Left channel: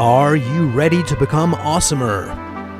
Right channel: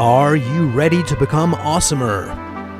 Are you ready to become awesomer?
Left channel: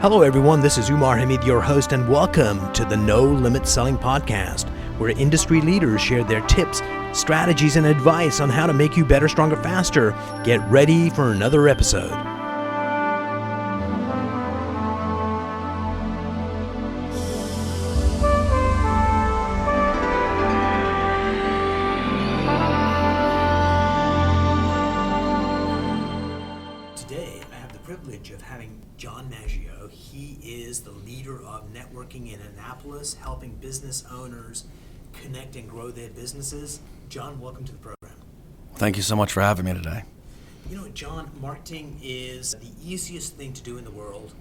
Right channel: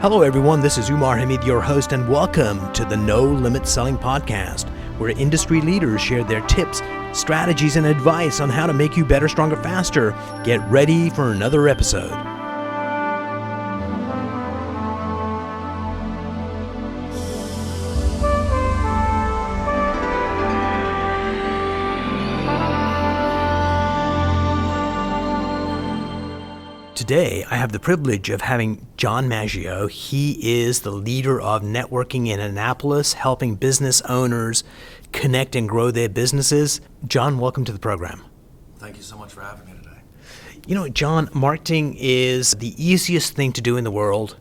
Hello everyone, this is Umar, your host, and welcome to the No Limit Selling Podcast, where industry leaders share their tips, strategies, and advice on how to make you better, stronger, faster. Get ready for another episode. Today, I have the privilege of having John Maggio. He is the leader of networking in Annapolis, helping business owners connect and grow their businesses. John, welcome to the program. Thank you so much for having me today. You know, John, marketing is the easiest thing to do in the world.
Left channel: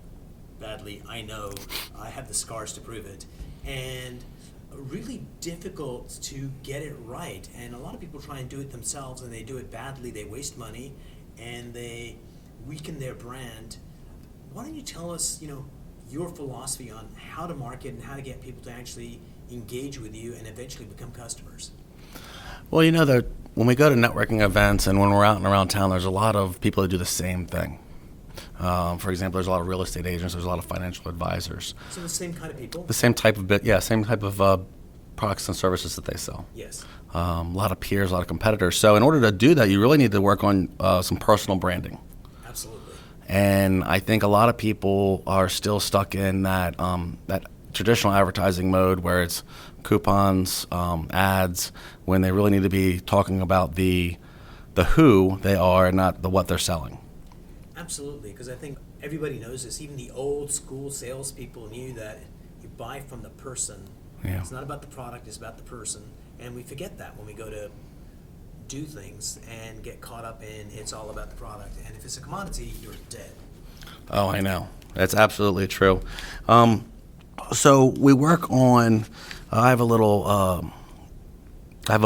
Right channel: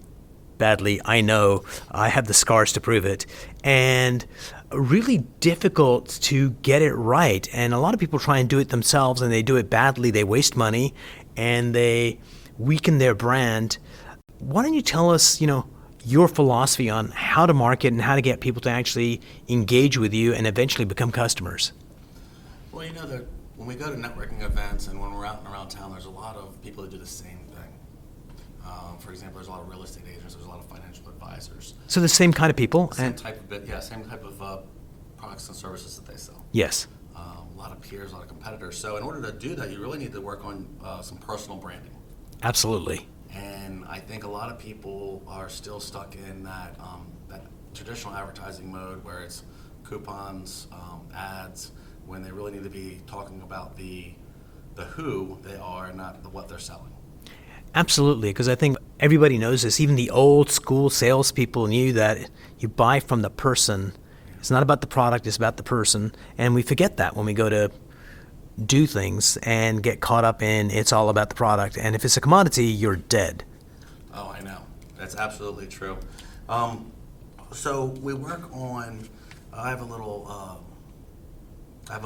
Badly, I know. I have the scars to prove it. And really difficult to get it right. And a lot of people try and do it themselves, and they do it badly. They waste money, and they weaken their brand. Why don't you tell us, your philosophy on how to market and how to get people to actually engage with you and eventually become customers? Well, that when we go to networking events and when we're out and around town, there's a lot of people that do the same thing. For example, there's a lot of real estate agents, there's a lot of financial advisors. So the same kind of people? The same type of products and services that they sell. Yes. A lot of peers, a lot of competitors. So in order to do that, you really need to work on some personal branding. Absolutely. And I think a lot of people are still stuck in that traditional advertising mode where it's coupons, ads, when they really need to be talking about the who they are, not the what they're selling. Absolutely, because I think everybody knows this. Even the old school salespeople knew that you buy from the person. Yeah. It's not about the product, it's about the person. And we forget that when we go to do things and get caught up in it's all about the product. And if it's a commodity, you're dead. Oh, I know. That's absolutely true. So we work on, I have a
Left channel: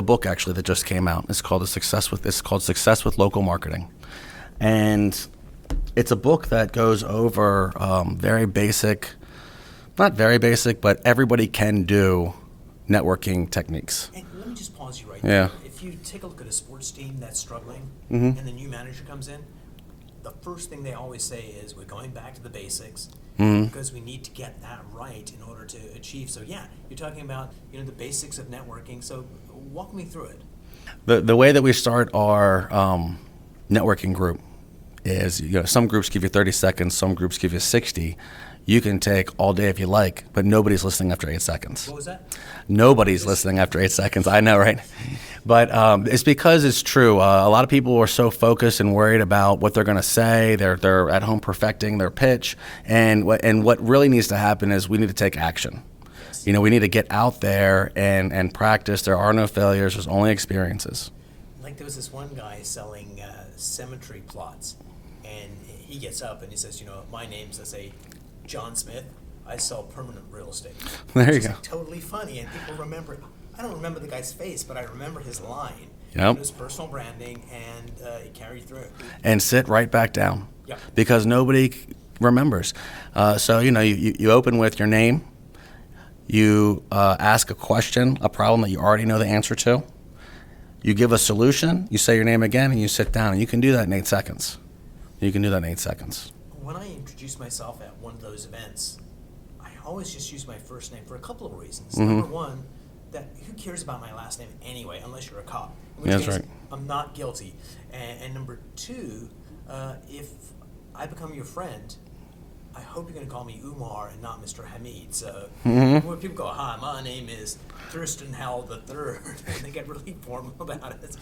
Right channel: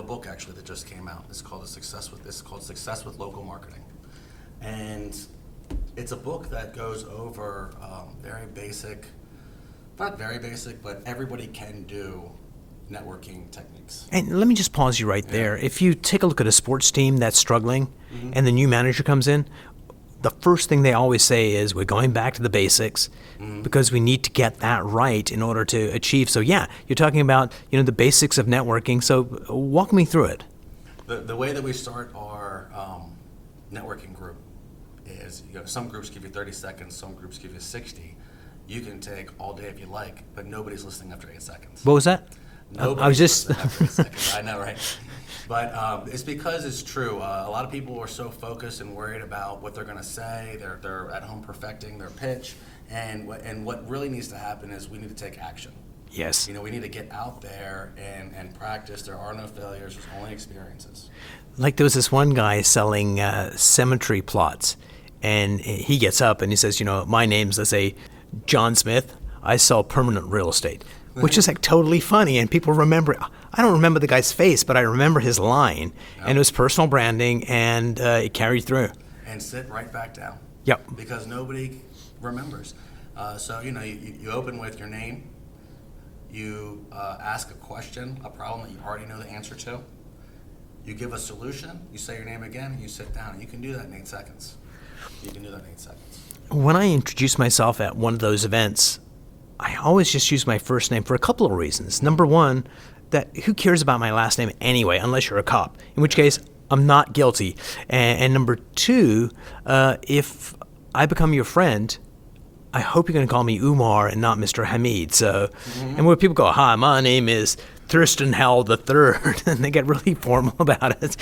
book actually that just came out. It's called Success with Local Marketing. And it's a book that goes over very basic, not very basic, but everybody can do networking techniques. And let me just pause you right there. If you take a look at a sports team that's struggling and the new manager comes in, the first thing they always say is we're going back to the basics because we need to get that right in order to achieve. So yeah, you're talking about the basics of networking. So walk me through it. The way that we start our networking group is some groups give you 30 seconds, some groups give you 60. You can take all day if you like, but nobody's listening after 8 seconds. What was that? Nobody's listening after 8 seconds. I know, right? But it's because it's true. A lot of people are so focused and worried about what they're going to say. They're at home perfecting their pitch. And what really needs to happen is we need to take action. Yes. We need to get out there and practice. There are no failures. There's only experiences. Like there was this one guy selling cemetery plots. And he gets up and he says, my name's, let's say, John Smith. I sell permanent real estate, which is like totally funny. And people remember, I don't remember the guy's face, but I remember his line. Yep. And it was personal branding, and it carried through. And sit right back down. Yep. Because nobody remembers. So, you open with your name. You ask a question, a problem that you already know the answer to. You give a solution. You say your name again, and you sit down. And you can do that in 8 seconds. When I introduce myself at one of those events, I always just use my first name for a couple of reasons. Number one, that who cares about my last name anyway, unless you're a cop, in which case right. I'm not guilty. And number two, if I become your friend, I hope you're going to call me Umar and not Mr. Hamid. So, and where people go, hi, my name is Thurston Howell III, and they get really formal about it.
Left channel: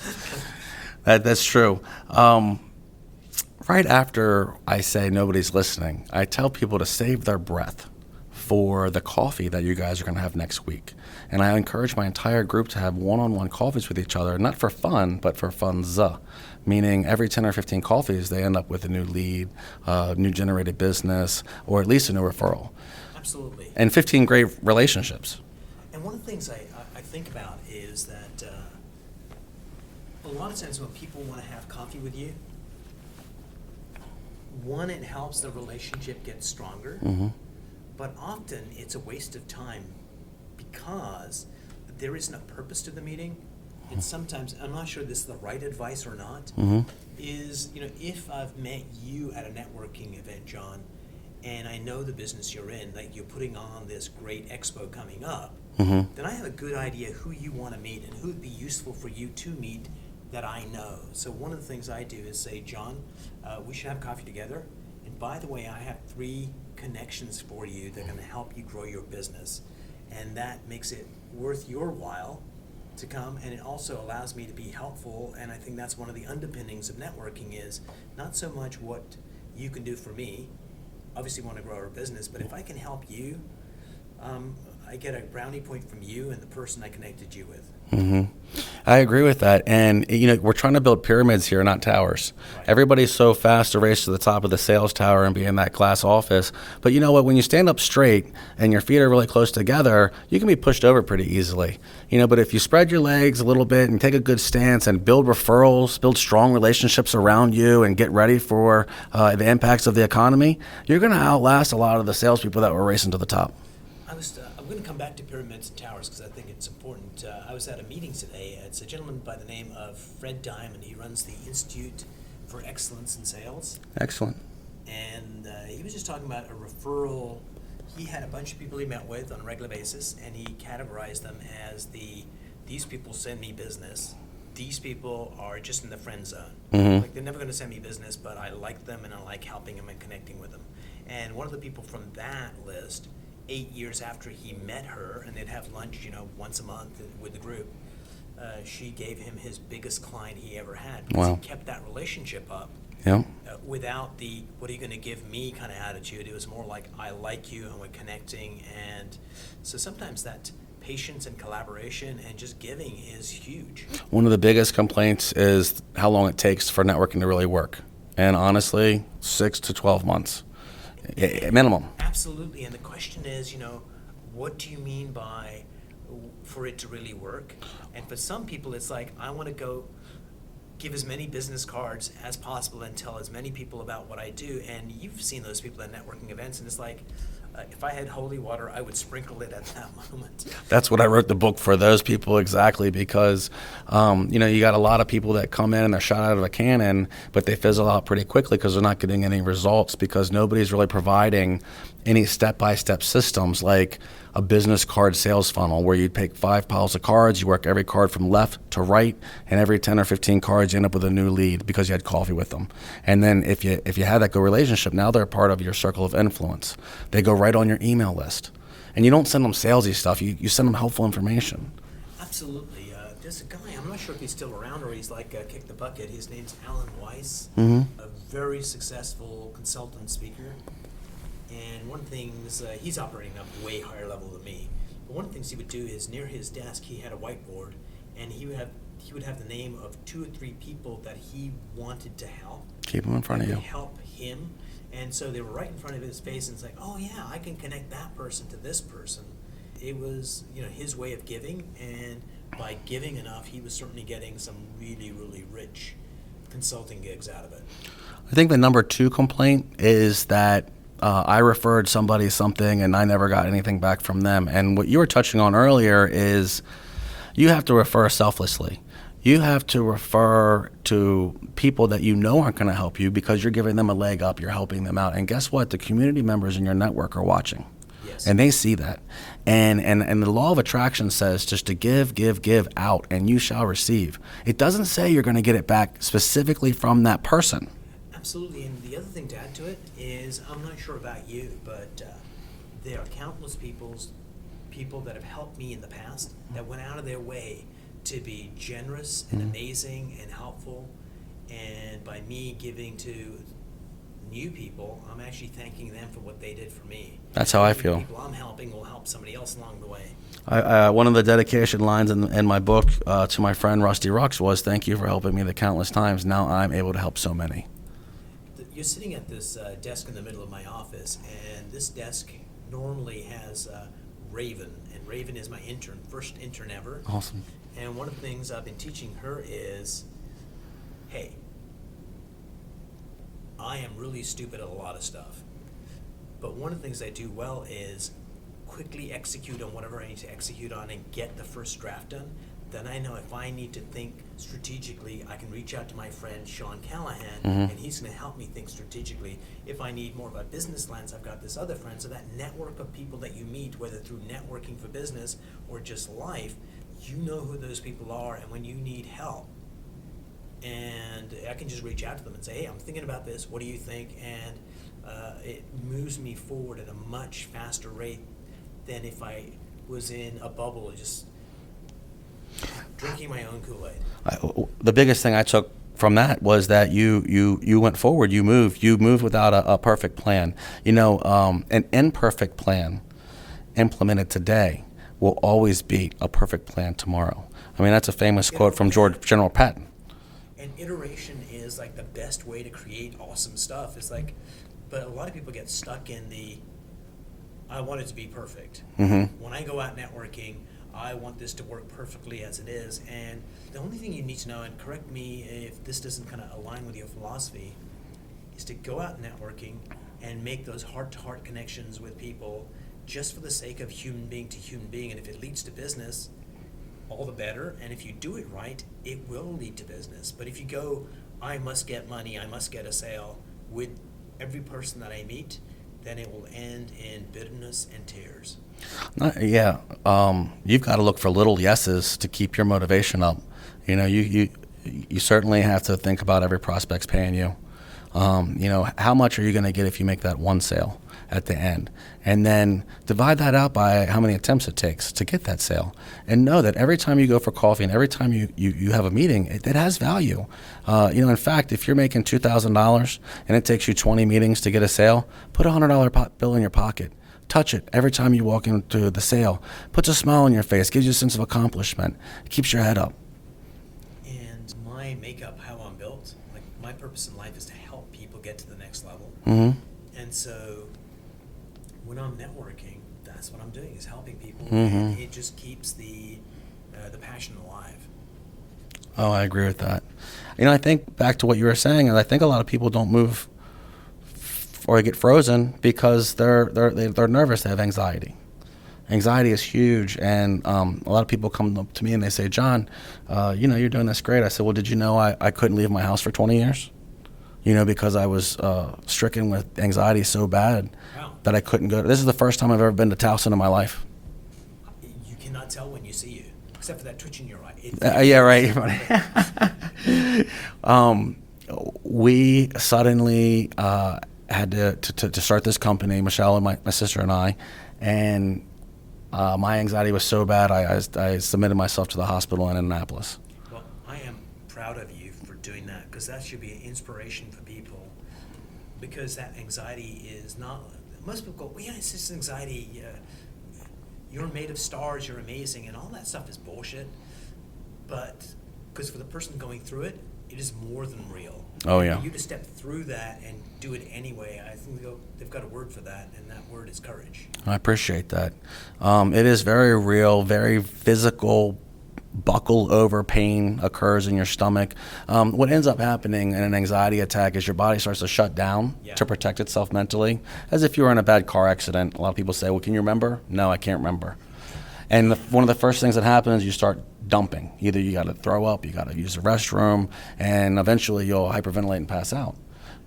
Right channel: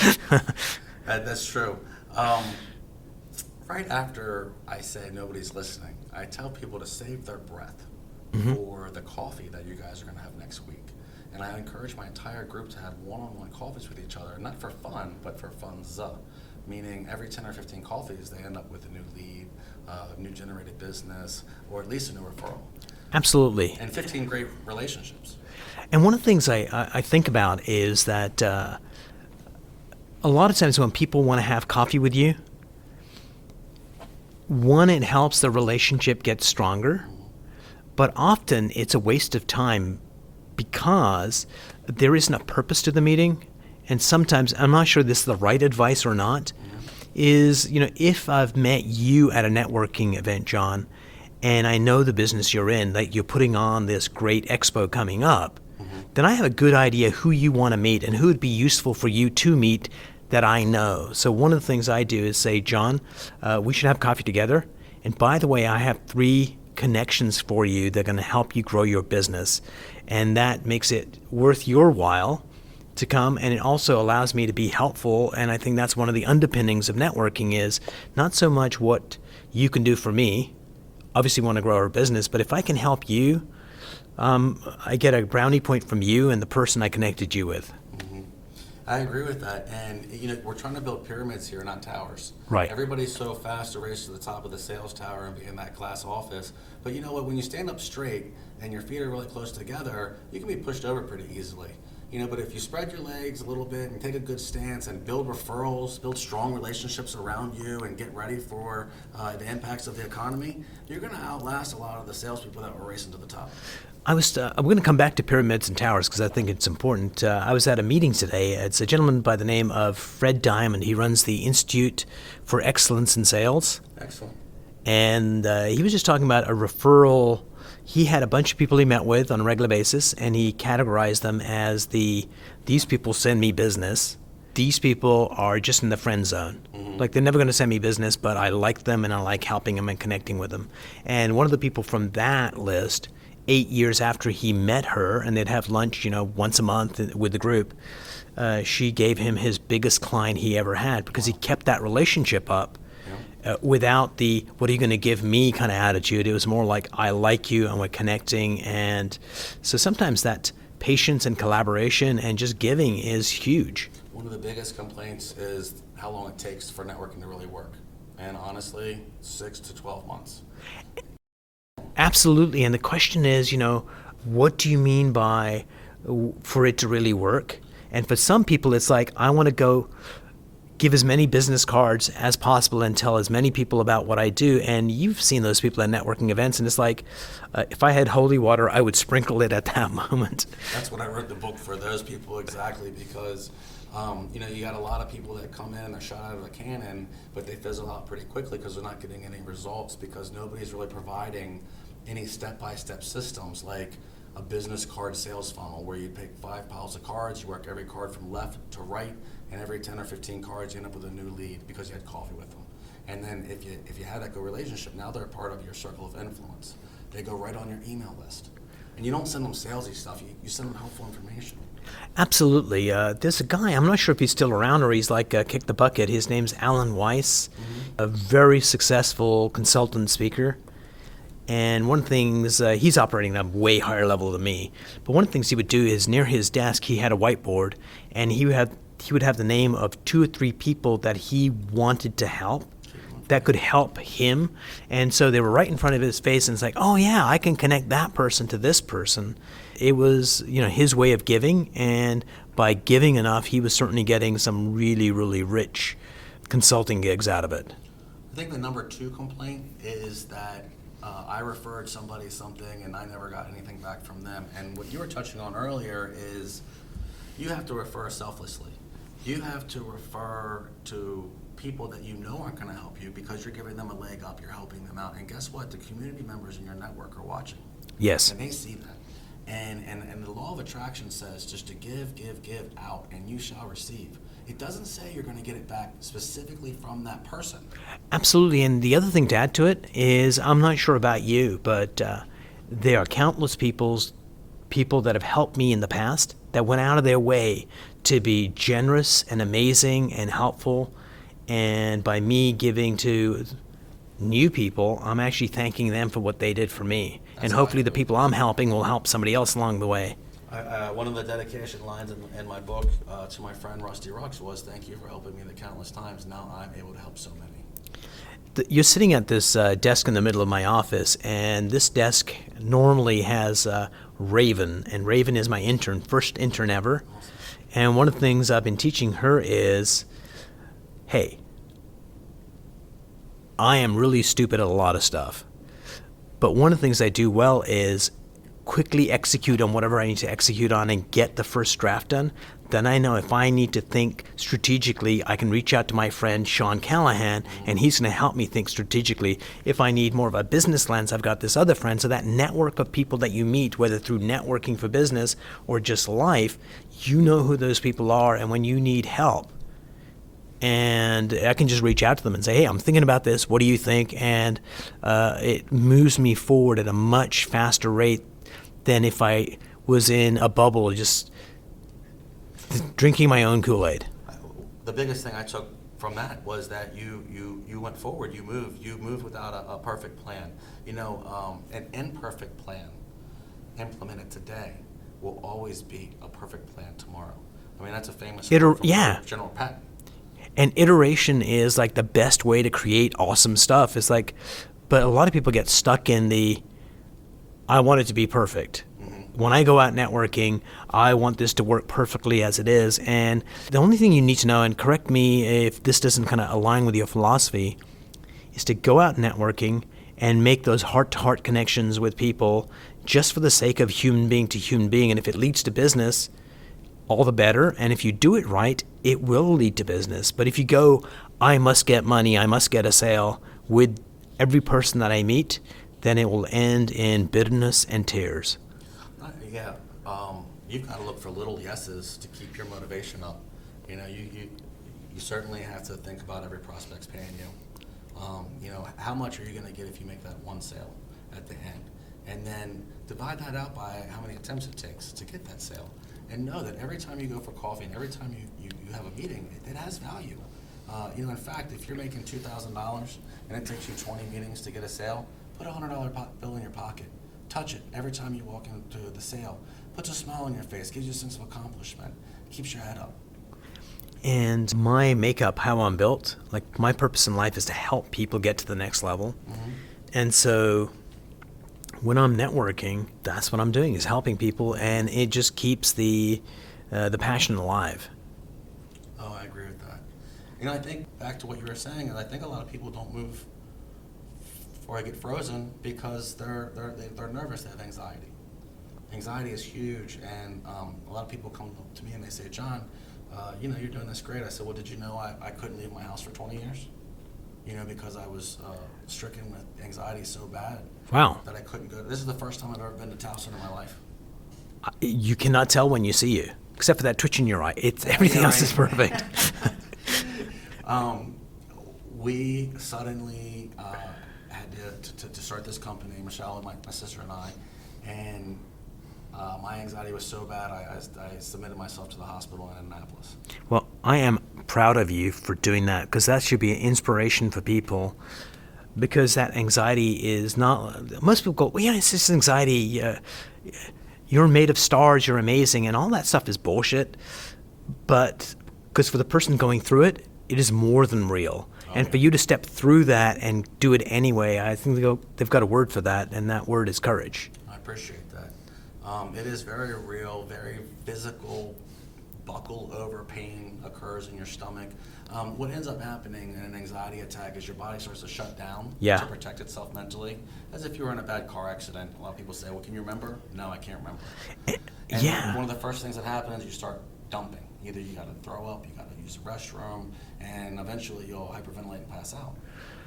That's true. Right after I say nobody's listening, I tell people to save their breath for the coffee that you guys are going to have next week. And I encourage my entire group to have one-on-one coffees with each other, not for fun, but for funza, meaning every 10 or 15 coffees, they end up with a new lead, new generated business, or at least a new referral. Absolutely. And 15 great relationships. And one of the things I think about is that a lot of times when people want to have coffee with you, one, it helps the relationship get stronger, but often it's a waste of time because there isn't a purpose to the meeting and sometimes I'm not sure this is the right advice or not, is, if I've met you at a networking event, John, and I know the business you're in, like you're putting on this great expo coming up, then I have a good idea who you want to meet and who would be useful for you to meet that I know. So one of the things I do is say, John, we should have coffee together. And by the way, I have 3 connections for you that are going to help you grow your business. And that makes it worth your while to come, and it also allows me to be helpful. And I think that's one of the underpinnings of networking is not so much what you can do for me. Obviously we want to grow our business, but if I can help you, I get a brownie point from you and the person I connected you with. I agree with that. And, we're trying to build pyramids here, not towers. Right. Everybody's so fast to race to the top of the sales tower and be in that glass office. But you know what? When you stand up straight and your feet are really close together, you can be pushed over pretty easily. But if you spread your legs a little bit and take a good stance and build referrals, build strong relationships around you and get ready for the impacts of the economy, you're going to outlast a lot of the salespeople that were racing to the top. I'm going to come back to pyramids and towers because I think it's important. I was at a meeting today. It's a gentleman by the name of Fred Diamond. He runs the Institute for Excellence in Sales. Excellent. And he was just talking about a referral. He had a bunch of people he met with on a regular basis, and he categorized them as these people send me business. These people are just in the friend zone. Like they're never going to send me business, but I like them and I like helping them and connecting with them. And one of the people from that list, 8 years after he met her, and they'd have lunch, once a month with the group, she gave him his biggest client he ever had because he kept that relationship up without the "what are you going to give me" kind of attitude. It was more like, I like you and we're connecting. And so sometimes that patience and collaboration and just giving is huge. One of the biggest complaints is how long it takes for networking to really work. And honestly, 6 to 12 months. Minimum. Absolutely. And the question is, what do you mean by for it to really work? And for some people, it's like, I want to go give as many business cards as possible and tell as many people about what I do. And you've seen those people at networking events, and it's like, if I had holy water, I would sprinkle it at that moment. That's what I wrote the book for, those people exactly, because you got a lot of people that come in and they're shot out of a cannon, but they fizzle out pretty quickly because they're not getting any results because nobody's really providing any step-by-step systems like a business card sales funnel where you take 5 piles of cards, you work every card from left to right, and every 10 or 15 cards you end up with a new lead because you had coffee with them. And then if you have that good relationship, now they're part of your circle of influence. They go right on your email list. And you don't send them salesy stuff, you send them helpful information. Absolutely. There's a guy, I'm not sure if he's still around or he's like kicked the bucket. His name's Alan Weiss, a very successful consultant speaker. And one of the things, he's operating at a way higher level than me, but one of the things he would do is near his desk he had a whiteboard, and he would have the name of 2 or 3 people that he wanted to help that could help him. And so they were right in front of his face, and it's like, oh yeah, I can connect that person to this person. It was his way of giving, and by giving enough, he was certainly getting some really, really rich consulting gigs out of it. I think the number 2 complaint is that I referred somebody something and I never got anything back from them. And what you were touching on earlier is you have to refer selflessly. You have to refer to people that you know aren't going to help you because you're giving them a leg up, you're helping them out. And guess what? The community members in your network are watching. Yes. And they see that. And the law of attraction says just to give out, and you shall receive. It doesn't say you're going to get it back specifically from that person. Absolutely. And the other thing to add to it is, I'm not sure about you, but there are countless people that have helped me in the past that went out of their way to be generous and amazing and helpful. And by me giving to new people, I'm actually thanking them for what they did for me. That's and how I hopefully feel. the people I'm helping will help somebody else along the way. One of the dedication lines in my book to my friend Rusty Rux was, "Thank you for helping me the countless times. Now I'm able to help so many." You're sitting at this desk in the middle of my office, and this desk normally has Raven, and Raven is my intern, first intern ever. Awesome. And one of the things I've been teaching her is, hey, I am really stupid at a lot of stuff, but one of the things I do well is quickly execute on whatever I need to execute on and get the first draft done. then I know if I need to think strategically, I can reach out to my friend Sean Callahan, and he's going to help me think strategically. If I need more of a business lens, I've got this other friend. So that network of people that you meet, whether through networking for business or just life, you know who those people are, and when you need help, and I can just reach out to them and say, hey, I'm thinking about this. What do you think? And it moves me forward at a much faster rate than if I was in a bubble just drinking my own Kool-Aid. The biggest thing I took from that was that you went forward, you moved without a perfect plan. An imperfect plan implemented today will always beat a perfect plan tomorrow. I mean, that's a famous quote from General Patton. And iteration is like the best way to create awesome stuff. It's like, but a lot of people get stuck in the, I want it to be perfect. When I go out networking, I want this to work perfectly as it is. And the only thing you need to know, and correct me if this doesn't kind of align with your philosophy, is to go out networking and make those heart-to-heart connections with people just for the sake of human being to human being. And if it leads to business, all the better. And if you do it right, it will lead to business. But if you go, I must get money, I must get a sale with every person that I meet, then it will end in bitterness and tears. You've got to look for little yeses to keep your motivation up. You certainly have to think about every prospect's paying you. How much are you going to get if you make that one sale at the end? And then divide that out by how many attempts it takes to get that sale. And know that every time you go for coffee and every time you have a meeting, it has value. In fact, if you're making $2,000 and it takes you 20 meetings to get a sale, put a $100 bill in your pocket. Touch it every time you walk into the sale. Puts a smile on your face, gives you a sense of accomplishment, keeps your head up. And my makeup, how I'm built, like my purpose in life is to help people get to the next level. And so when I'm networking, that's what I'm doing, is helping people, and it just keeps the passion alive. Oh, I agree with that. I think back to what you were saying, and I think a lot of people don't move or get frozen because they're nervous, they have anxiety. Anxiety is huge, and a lot of people come up to me and they say, John, you're doing this great. I said, well, did you know I couldn't leave my house for 20 years? Because I was stricken with anxiety so bad that I couldn't go. This is the first time I've ever been to Towson in my life. You cannot tell when you see you, except for that twitch in your eye. Right. Is perfect. We suddenly had to start this company, Michelle and my sister and I, and my anxiety was so bad I submitted myself to the hospital in Annapolis. Well, I am proud of you for doing that, because that should be an inspiration for people, because that anxiety is not, most people go, well, it's just anxiety, you're made of stars, you're amazing, and all that stuff is bullshit. But because for the person going through it, it is more than real. And for you to step through that and do it anyway, I think they've got a word for that, and that word is courage. I appreciate that. It is very real, very physical. Buckle over pain occurs in your stomach. What ends up happening in an anxiety attack is your body starts to shut down to protect itself mentally, as if you were in a bad car accident. A lot of people say, well, can you remember? No, I can't remember. And one of the first things that happens, you start dumping. Either you got to throw up, you got to use the restroom, and eventually you'll hyperventilate and pass out.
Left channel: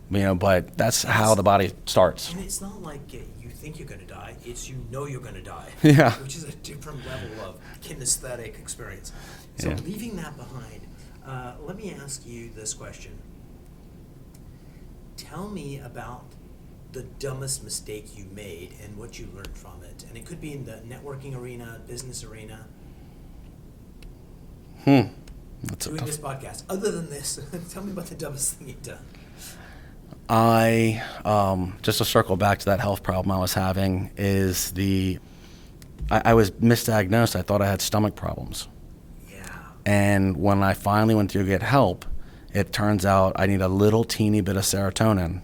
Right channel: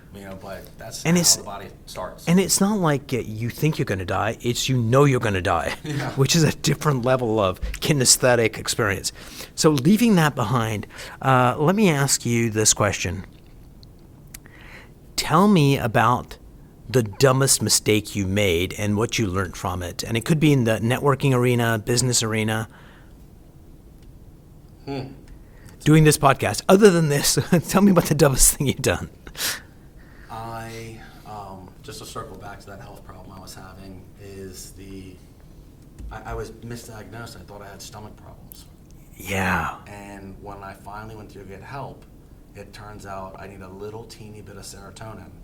But that's how the body starts. And it's not like you think you're going to die. It's you're going to die, which is a different level of kinesthetic experience. So leaving that behind, let me ask you this question. Tell me about the dumbest mistake you made and what you learned from it. And it could be in the networking arena, business arena. Doing this podcast. Other than this, tell me about the dumbest thing you've done. I, just to circle back to that health problem I was having, is I was misdiagnosed. I thought I had stomach problems. Yeah. And when I finally went to get help, it turns out I need a little teeny bit of serotonin,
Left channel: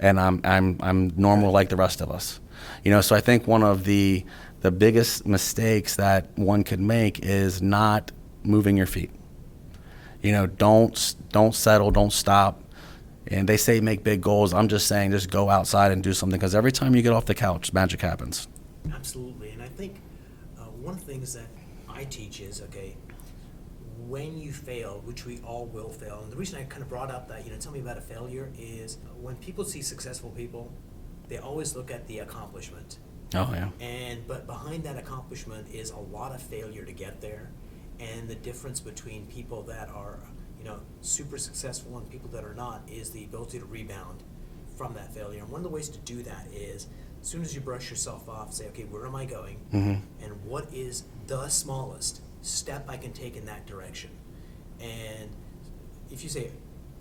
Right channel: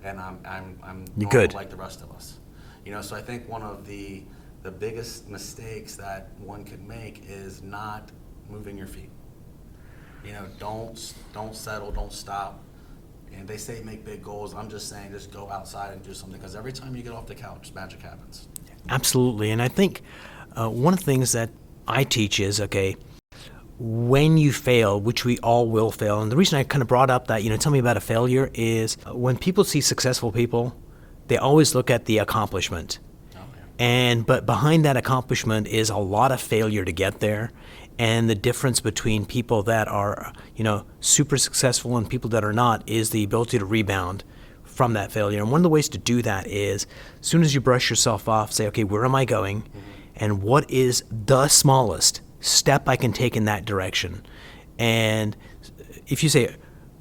and I'm normal like the rest of us. So I think one of the biggest mistakes that one could make is not moving your feet. Don't settle, don't stop. And they say make big goals. I'm just saying just go outside and do something, because every time you get off the couch, magic happens. Absolutely. And I think one of the things that I teach is, when you fail, which we all will fail, and the reason I kind of brought up that, tell me about a failure is when people see successful people, they always look at the accomplishment. Oh, yeah. But behind that accomplishment is a lot of failure to get there. And the difference between people that are, super successful and people that are not is the ability to rebound from that failure. And one of the ways to do that is as soon as you brush yourself off, say, okay, where am I going? Mm-hmm. And what is the smallest step I can take in that direction? And if you say,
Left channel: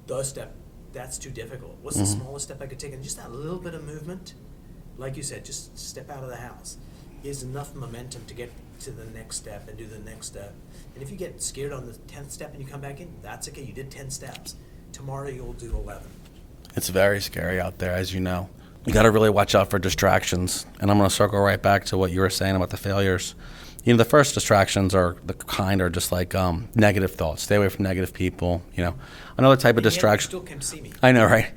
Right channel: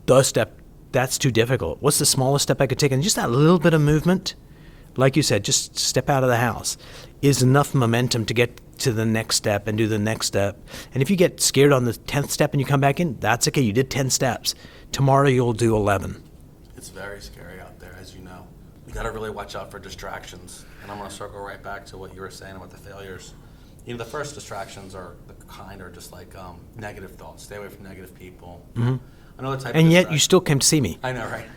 the step, that's too difficult. What's the smallest step I could take? And just that little bit of movement, like you said, just step out of the house, is enough momentum to get to the next step and do the next step. And if you get scared on the 10th step and you come back in, that's okay. You did 10 steps. Tomorrow you'll do 11. It's very scary out there, as you know. You got to really watch out for distractions. And I'm going to circle right back to what you were saying about the failures. The first distractions are just like negative thoughts. Stay away from negative people. You know, another type of distraction. And yet you still came to see me. I know, right?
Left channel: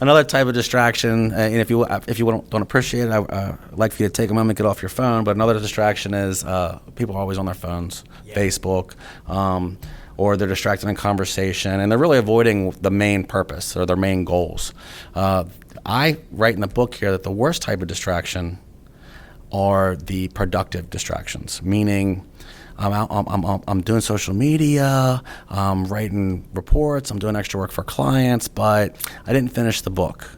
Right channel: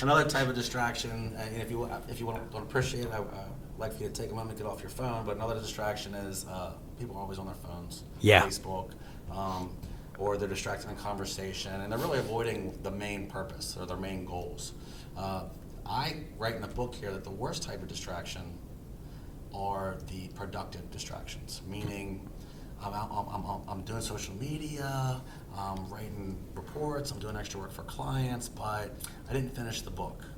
Another type of distraction, and if you don't appreciate it, I'd like for you to take a moment, get off your phone. But another distraction is people are always on their phones, Facebook, or they're distracted in conversation, and they're really avoiding the main purpose or their main goals. I write in the book here that the worst type of distraction are the productive distractions, meaning I'm doing social media, I'm writing reports, I'm doing extra work for clients, but I didn't finish the book.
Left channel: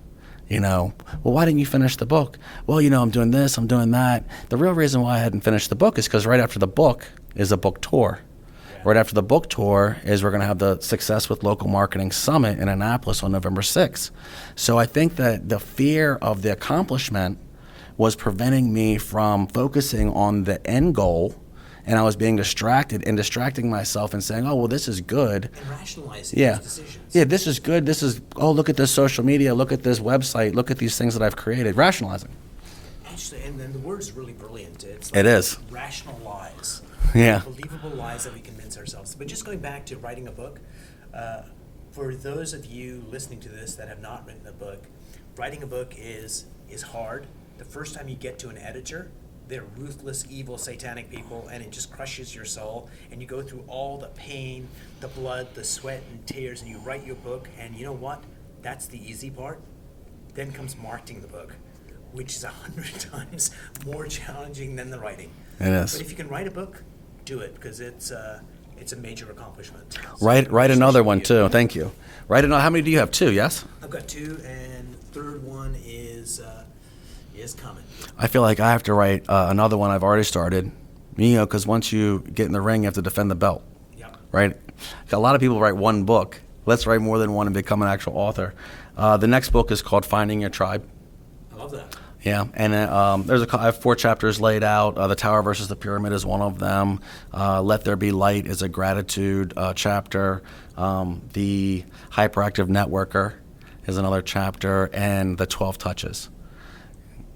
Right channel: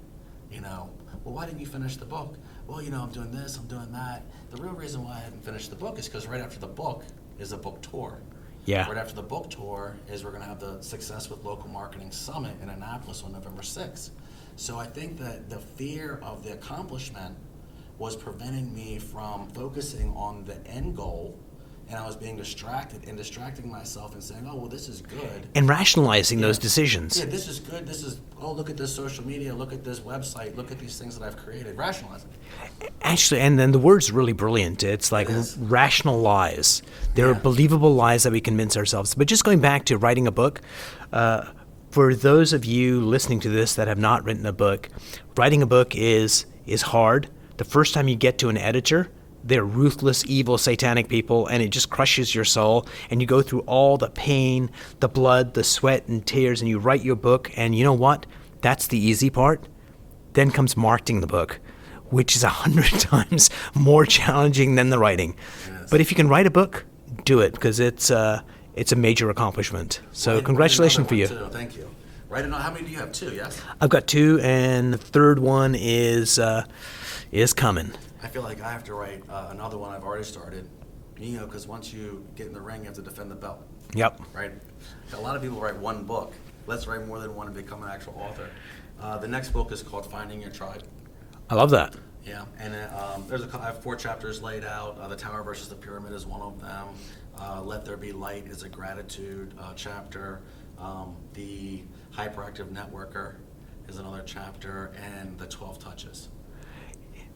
Well, why didn't you finish the book? Well, I'm doing this, I'm doing that. The real reason why I hadn't finished the book is because right after the book is a book tour. Yeah. Right after the book tour is we're going to have the Success with Local Marketing Summit in Annapolis on November 6th. So I think that the fear of the accomplishment was preventing me from focusing on the end goal, and I was being distracting myself and saying, oh, well, this is good. And rationalizing those decisions. Yeah, this is good. Look at this social media, look at this website, look at these things that I've created. Rationalizing. Actually, and then the word's really brilliant. It's like rational lies. They're believable lies that we convince ourselves. But just going back to writing a book, for those of you listening to this that have not written a book, writing a book is hard. The first time you get to an editor, they're ruthless, evil, satanic people, and it just crushes your soul. And you go through all the pain, the blood, the sweat and tears, and you write your book. And you know what? That's the easy part. Then comes marketing the book, which is 100 times more challenging than the writing. It is. But if you can write a book, do it, because it's a major accomplishment. So write another one too. Thank you. Write another. How many do you have? 2, yes? I've got 2, and the third one is coming. I feel like I have to write another one. I've already started, because once you get in the ring, you have to defend the belt. Yep. Right? A lot of people write one book. Let's write more than one and become an actual author. The next book is called Finding Your Tribe. I love that. Yeah, and I have 4 chapters laid out. The Tower versus the Pyramid is one of them. Let There Be Light is a gratitude chapter. The Hyperactive Networker is another chapter, and the 12 Touches.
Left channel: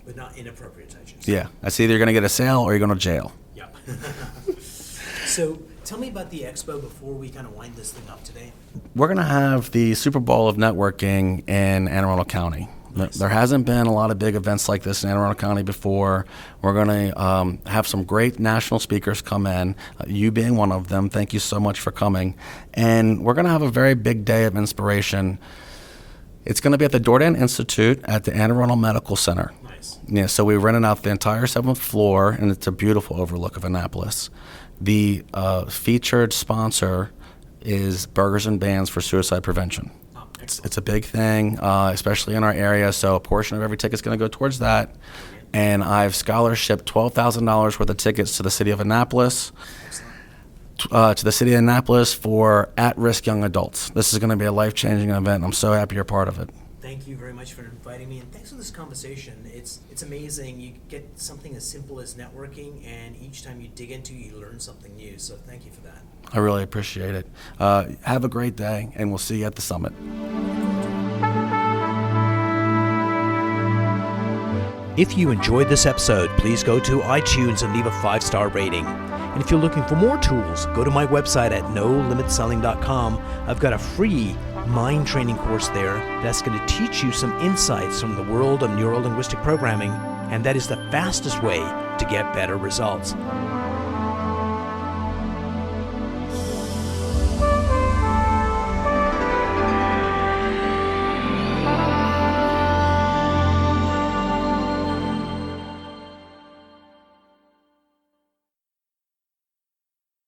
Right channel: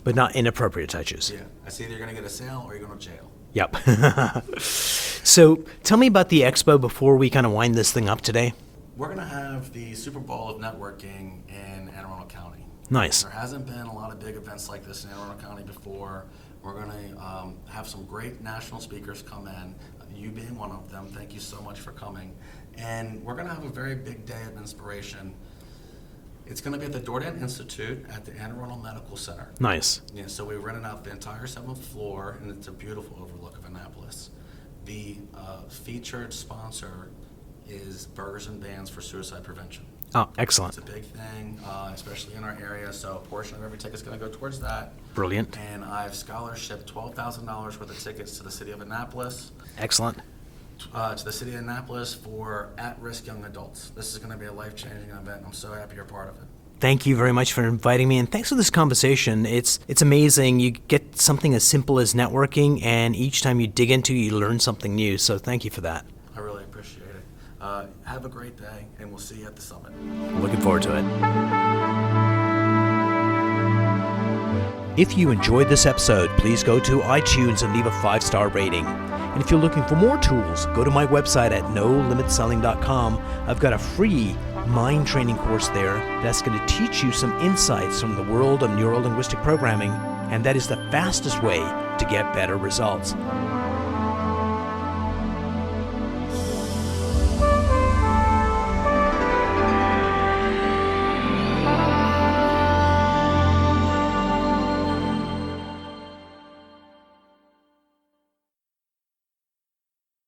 But not inappropriate touches. Yeah, that's either you're going to get a sale or you're going to jail. Yep. So tell me about the expo before we kind of wind this thing up today. We're going to have the Super Bowl of Networking in Anne Arundel County. Nice. There hasn't been a lot of big events like this in Anne Arundel County before. We're going to have some great national speakers come in, you being one of them. Thank you so much for coming. And we're going to have a very big day of inspiration. It's going to be at the Dordan Institute at the Anne Arundel Medical Center. Nice. Yeah, so we rented out the entire 7th floor, and it's a beautiful overlook of Annapolis. The featured sponsor is Burgers and Bands for Suicide Prevention. Oh, excellent. It's a big thing, especially in our area, so a portion of every ticket is going to go towards that. Brilliant. And I've scholarshiped $12,000 worth of tickets to the city of Annapolis. Excellent. To the city of Annapolis for at-risk young adults. This is going to be a life-changing event, and I'm so happy you're part of it. Thank you very much for inviting me, and thanks for this conversation. It's amazing. You get something as simple as networking, and each time you dig into it, you learn something new, so thank you for that. I really appreciate it. Have a great day, and we'll see you at the summit. Looking forward to it. If you enjoyed this episode, please go to iTunes and leave a 5-star rating. And if you're looking for more tools, go to my website at nolimitselling.com. I've got a free mind training course there that's going to teach you some insights from the world of neuro-linguistic programming, and that is the fastest way to get better results.